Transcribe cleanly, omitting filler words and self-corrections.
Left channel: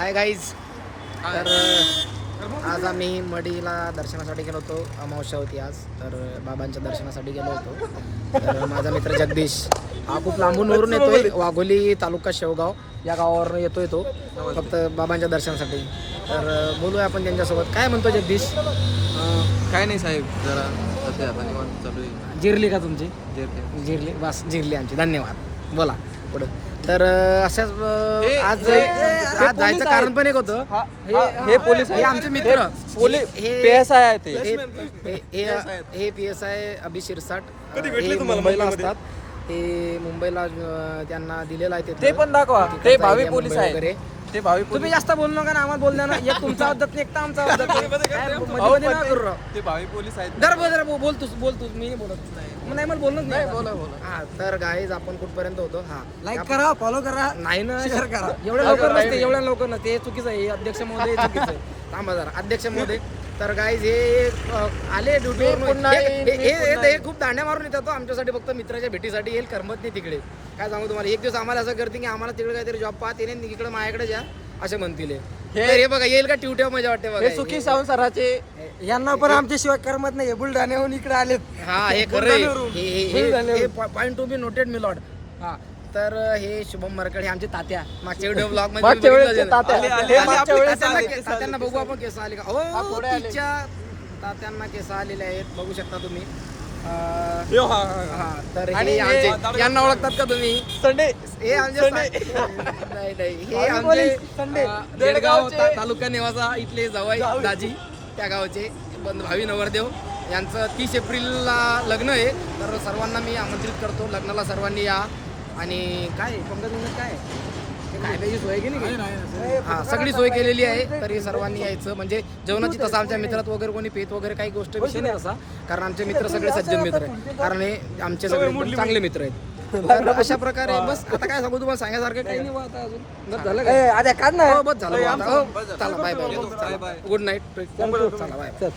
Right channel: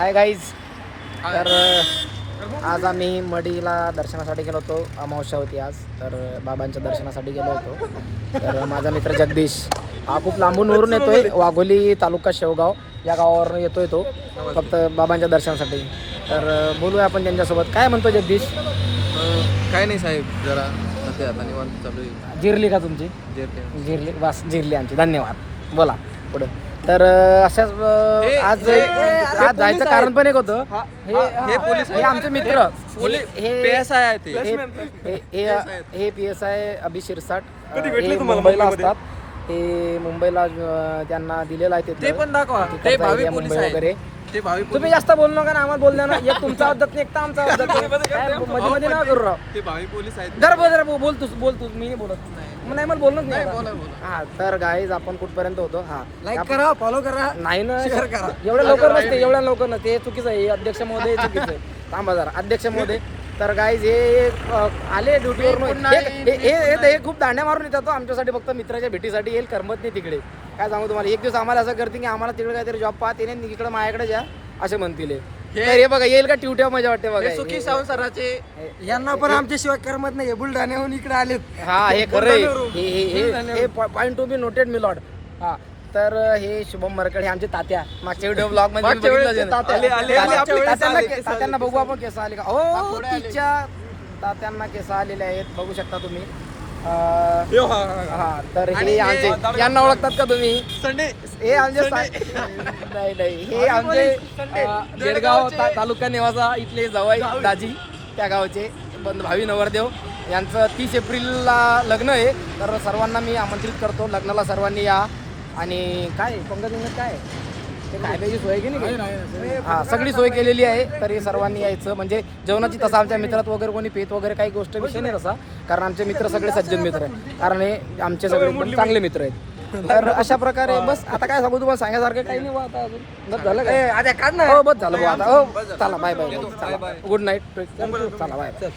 Hi guys. तर आज आम्ही मडीला दर्शनासाठी गेलो होतो. अमावस्या होती आज, तर बाबांच्या दर्शनासाठी गेलो होतो. तर माझा मित्र जगदीश हा खूप लांबून वरून येतोय. वाघोली तालुका शेवगाव या गावावर येतोय तो फक्त बाबांच्या दर्शनासाठी. तर बोलूया आपण त्यांच्यासोबत. काय म्हणतो जगदीश? काय नाही साहेब, जरा सध्या आता निवांत चालू आहे. जिरली का तुमची? जिरली, बस जिरली आमची. धन्यवाद. बोला पुढं. तर अशाच आज जायचं कारण पण एक होतं. हे पोलीस, हे आमचे मित्र, हे PSI अभि शिरसाट, हे मुंबईला असतात. हे मुंबईला त्यांना दिलेलं आहे ते पण दाखवा. ते भावी पोलीस वगैरे. ते भावी तुम्ही जास्त बोलू नका ना, आम्हाला बोल द्या ना. एक तुमचा अब्दत नाही, एक तर आमचा अब्दत नाही. काय मध्ये मध्ये ना करू राव. ते भावी पोलीस आहेत. जरा बोल तूच मी नाही बोलत. नाही मला बोलणं नाही. बोला. हा तर गाईज आपण कुठपर्यंत होतो? हा लाईक करा, फॉलो करा. नाही ना, शेअर करा. एवढ्या लवकर नसते. हे चुकीचं आहे. अध्यक्ष महोदय चुकीचं आहे. थांबा जरा. अध्यक्ष महोदय. तर गाईज हे आले ड्युटीवरून. हे खूप दांड्या मारून येतात आमच्यासाठी, फक्त मित्राच्या भेटीसाठी. येईल करमत नाही तिकडे. काय सांगू तुम्हाला, एक दिवस आम्हाला असं करते की आम्हाला तिकडे काहीतरी जॉब पाहत येणे, इकडे माझ्याकडे जा असे म्हणतील. हे बघा, येईल का ट्युट्या मजा वाटते बघा. सुखी संसाराचे यांना पण आमच्याशिवाय करमत नाही. बुलढाण्याहून इकडे आलेत. हा हे खरं. हे point to be noted me Lord. हा तर हे शुभम मरकड, हे आमचे तात्या. मागच्या व्हिडिओ ब्लॉग मध्ये तात्यांना बघू आपण केस आले का. हो, तिच्या तात्यांना केस आलेले आहेत, बघू शकता तुम्ही. हा तर हे आमचे, यांना ओळखतात का तुम्ही? हे आमचे नाही, हे आमचे देडगाव तालुका निवासा इथले जवाई दाजी, त्या गावचे भावी नवरदेव. यांचं 30 एप्रिलला लग्न आहे. तर सर्वांना मी आमंत्रित करतो लग्नाला. सर्वांनी या. आणि काय पंगत काय ते काय पाहिजे सोय की नाही? हा, सगळी सोय केलेली आहे. तर हे सर्वांनी यायचं. म्हणजे जेवणाची तसं आमच्या मित्रात वगैरे कोणी पेत वगैरे काही गोष्ट विषय नाही तसा, कारण आमचे मित्र सगळे सज्जन मित्र आहेत. कारण हे आमचे सगळे एकदम चांगले मित्र आहेत. तर अशा प्रकारे बस. आता काय सांगू तुम्हाला, सांगण्यासारखं काही नाही. आता अजून बस झालं काय? हो बस झालं. आता हो चला, बाय. Good night. चला बाय.